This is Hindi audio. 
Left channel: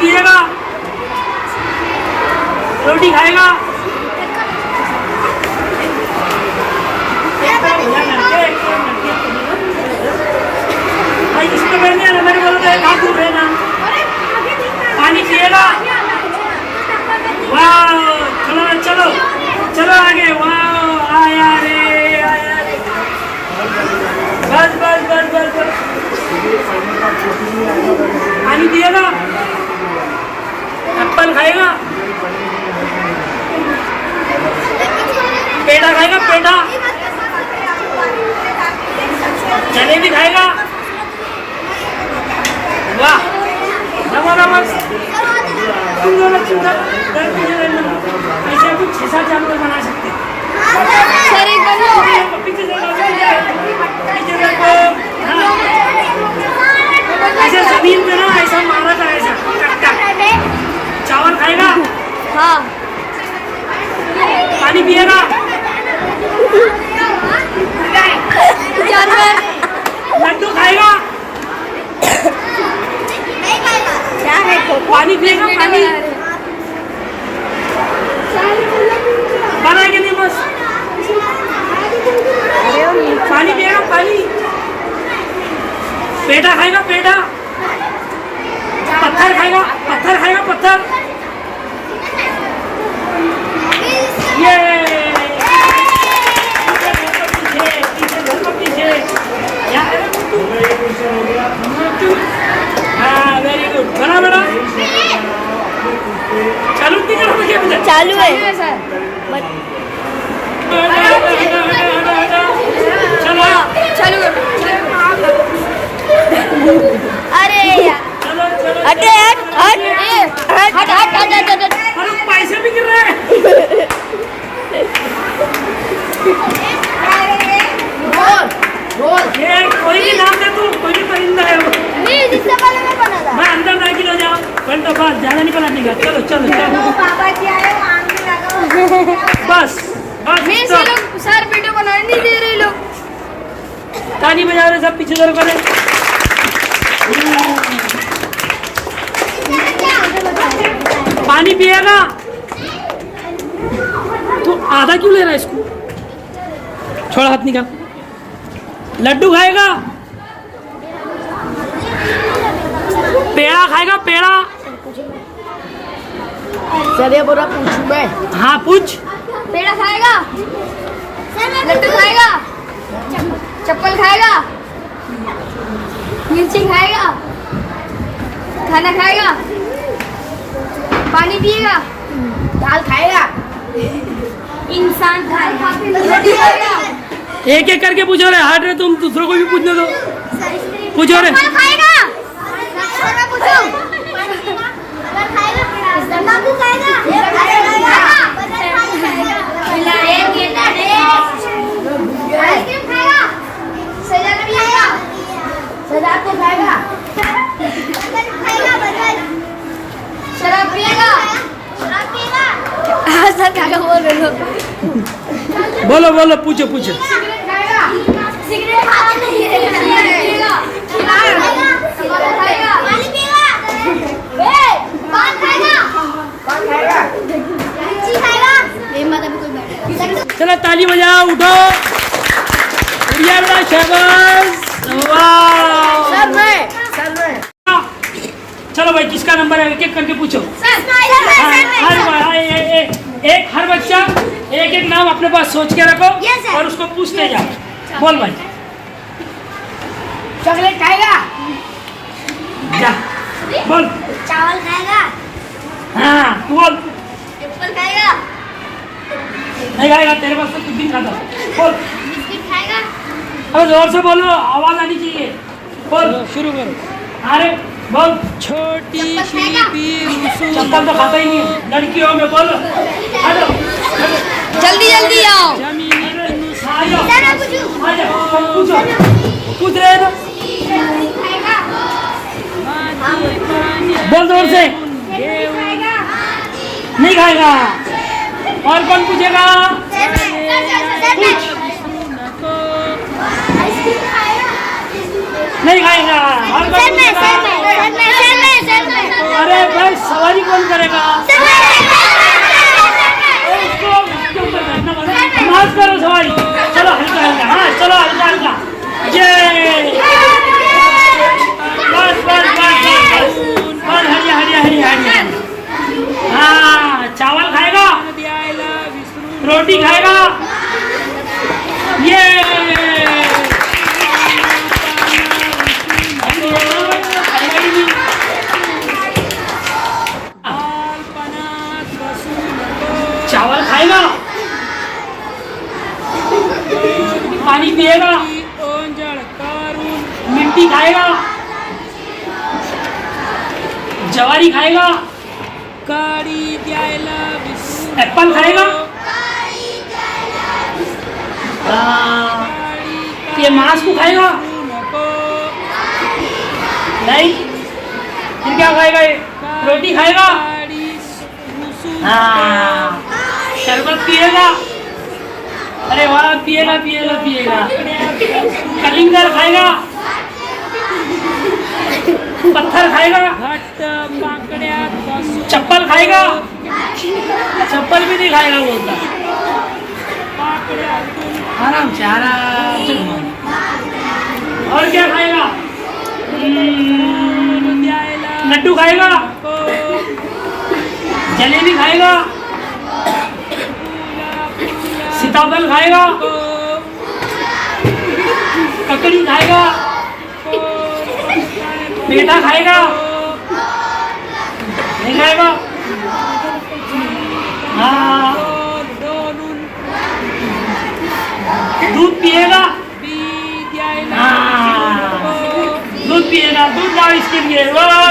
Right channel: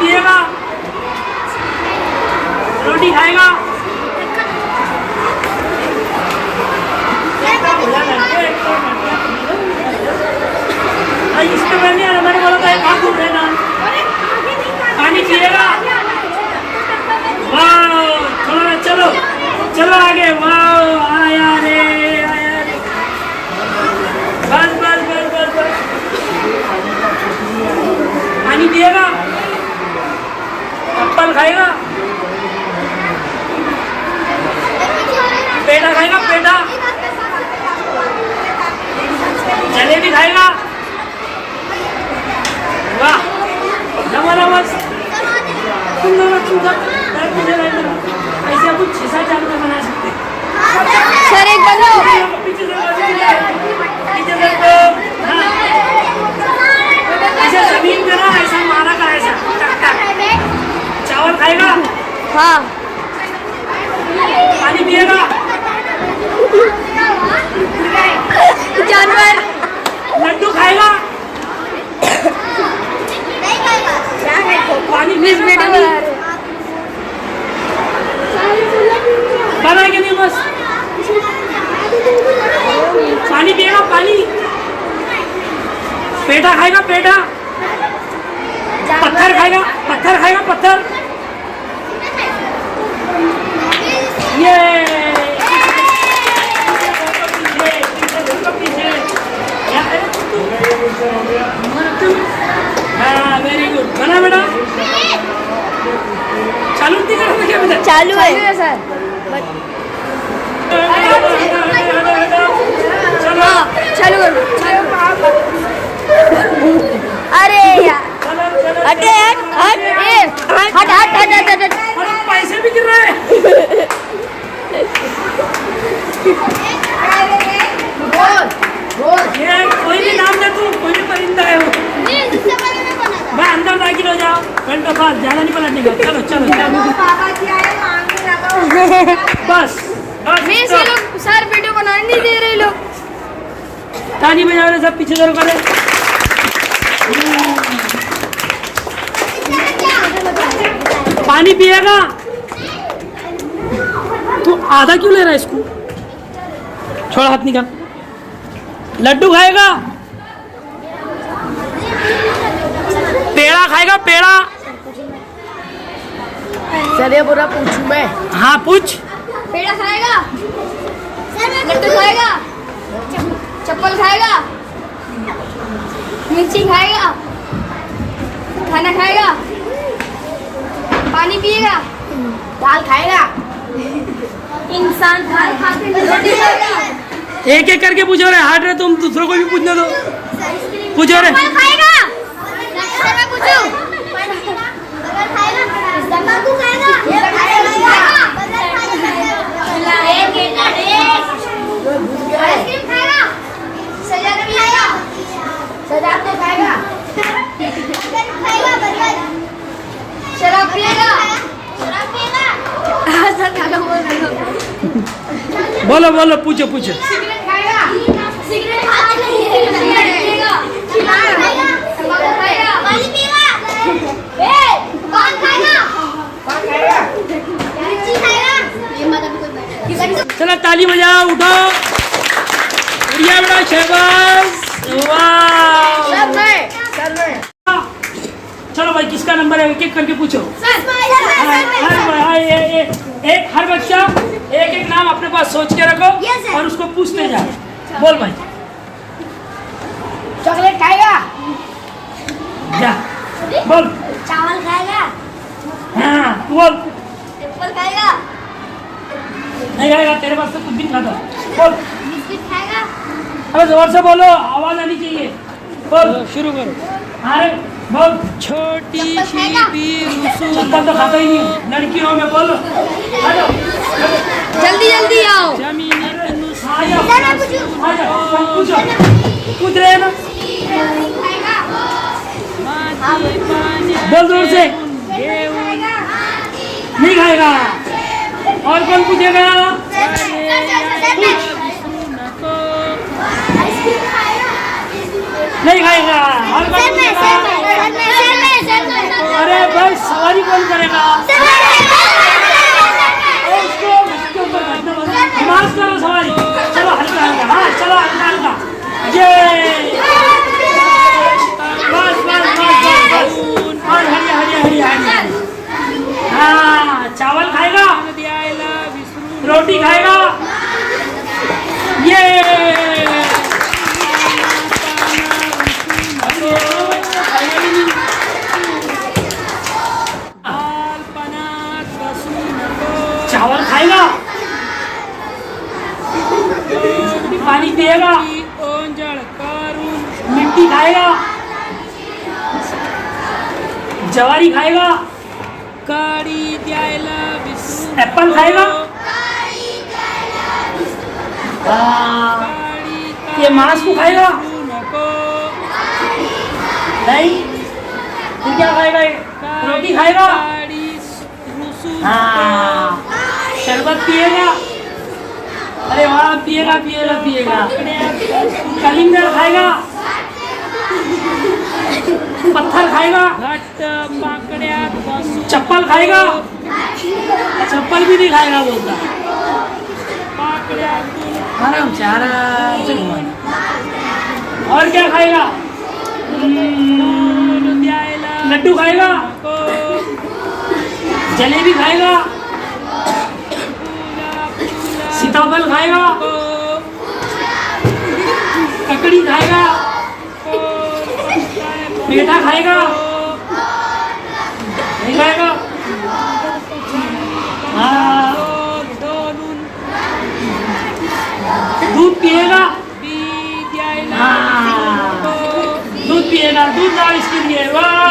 पिएगा? रोटी खाएगा? इसके पहले हमारे बोला था कहाँ घूम रहे ना। पानी पिएगा? वाह, चलो चलो चलो आगे। वाह, आया रे आया रे। बस बस बस बस बस। पानी पिएगा? एप्पल खाएगा? पेड़ा खाएगा? पेड़ा? जलेबी खाएगा? वाह, नमो नमो। ऐसे कुछ 6-7 जानवर बना सकते हैं। सर एक बार पीछे ऐसे जमीन पे ना ऐसा मारा था, ऐसा चावल खाएगा? हाँ। पानी पिएगा? जानवर लड्डू खाएगा? पानी पिएगा? पानी बना है कि नहीं? बस पानी पिएगा? पानी? पेड़ा खाएगा? पेड़ा? पत्थर खाएगा? पत्थर खाएगा? पत्थर? ये हाँ, वेरी गुड। बना बेटा? चालू नहीं करो क्या बेटा? चालू है सर। चलो चालू अरे चलो चलो। हटे हट हट हट हट हट हट। अरे पैसे भी गिर रहे हैं। ये कोई भी नाम दे तू, कोई भी परिंदा है वो। मैं अंदर ना गिर जाओ। पलटा बात ज्यादा नहीं पलटने का। चलो चलो चलो। बाबा जी आए मांगने लगा। बस बस। नहीं चलो। सर लोग सर वीडियो बनाने नहीं दे रहे लोग। पानी में जा रहे सब पीछे जरूर करो। पानी पिएगा? तू आधा क्यों ले रहा है इसको? छोड़ हाथ निकाल। लड्डू खाएगा? पेड़ा खाएगा? पेड़ा? सर ये पूरा पूछूं मैं। हाँ पूछ। पेड़ा खाएगा? लड्डू खाएगा? चप्पल खाएगा? मिर्ची खाएगा? खाना खाएगा? पानी पिएगा? दाल खाएगा? इंसान दाल खाते रोटी खाएगा? एक एक करके पूछो रहे। हट रहे तुम, दूसरों को भी पूछने दो। पूछो रहे। फल खाएगा? तंबाकू खाएगा? आइसक्रीम खाएगा? सजाद भी खाएगा? सजाद तो खाएगा? शराब पिएगा? शराब पिएगा? सर क्या बोल रहे हो? बोलो बोलो, पूछो पूछो। सिगरेट खाएगा? सिगरेट पिएगा? तंबाकू खाएगा? पानी पिएगा? पान खाएगा? पान खाएगा? मिर्ची खाएगा? चलो ताली बजाओ, उठो। बढ़िया बड़ा शाबाश। वाह। सर मैं चलो भाई, किसका नंबर है एक एक करके पूछो। हर बच्चा एक एक नाम अपने पास सोच के रखो और उसको पूछते जाओ। बोल भाई। चॉकलेट खाएगा? जा बोल। चावल खाएगा? हाँ बोल। एप्पल खाएगा? नहीं खाएगा, तेरे पास तो कुछ भी खाता। बोल। बिस्किट खाएगा? अरे जोर से बोलो, आवाज आनी चाहिए। बोल शुरू करो। अरे बोल। छोटी सी चप्पल तो खाता ही नहीं, लड़कियों में बोलो। जल्दी जल्दी आओ। जमीनी पूछ रहे हो? बोल जोर से। नहीं खाएगा। और कौन पूछेगा? नहीं खाएगा। और कौन पूछेगा? अरे भाई सवारी कौन करेगा? इसको ऊपर बैठना पड़ेगा। नाच करो सवारी। चलो हल्का हल्का, हाँ चलो हल्का हल्का। ये बस बस बस और हरिया हरिया हरिया हरिया। हाँ चावल खाएगा, रोटी खाएगा। ये चावल खाएगा, पाणी पिएगा, मिट्टी खाएगा, ज्वारी खाएगा, काळी द्यायला विसरू एप्पल खाएगा। ये मांस को खाएगा नको नहीं? फिर क्या खाएगा? ये रोटी खाएगा। हाँ शरबत पिएगा। अरे वाह पिएगा पिएगा पिएगा। कलिंगर खाएगा, पत्थर खाएगा, घट्ट पाकड्यात बसून चप्पल खाएगा। चप्पल भी नहीं खाएगा बोलता। पाकड्यातून आराम से आराम से। और क्या खाएगा? फूल द्यायला लड्डू खाएगा, नको जलेबी खाएगा, फुला फुला सीताफल खाएगा, ककड़ी खाएगा, पेठा खाएगा, नहीं खाएगा? हाँ डोलून दूध पिएगा। बी द्यायला हाँ नको दूध पिएगा, दूध लाओ इसके लिए। वाह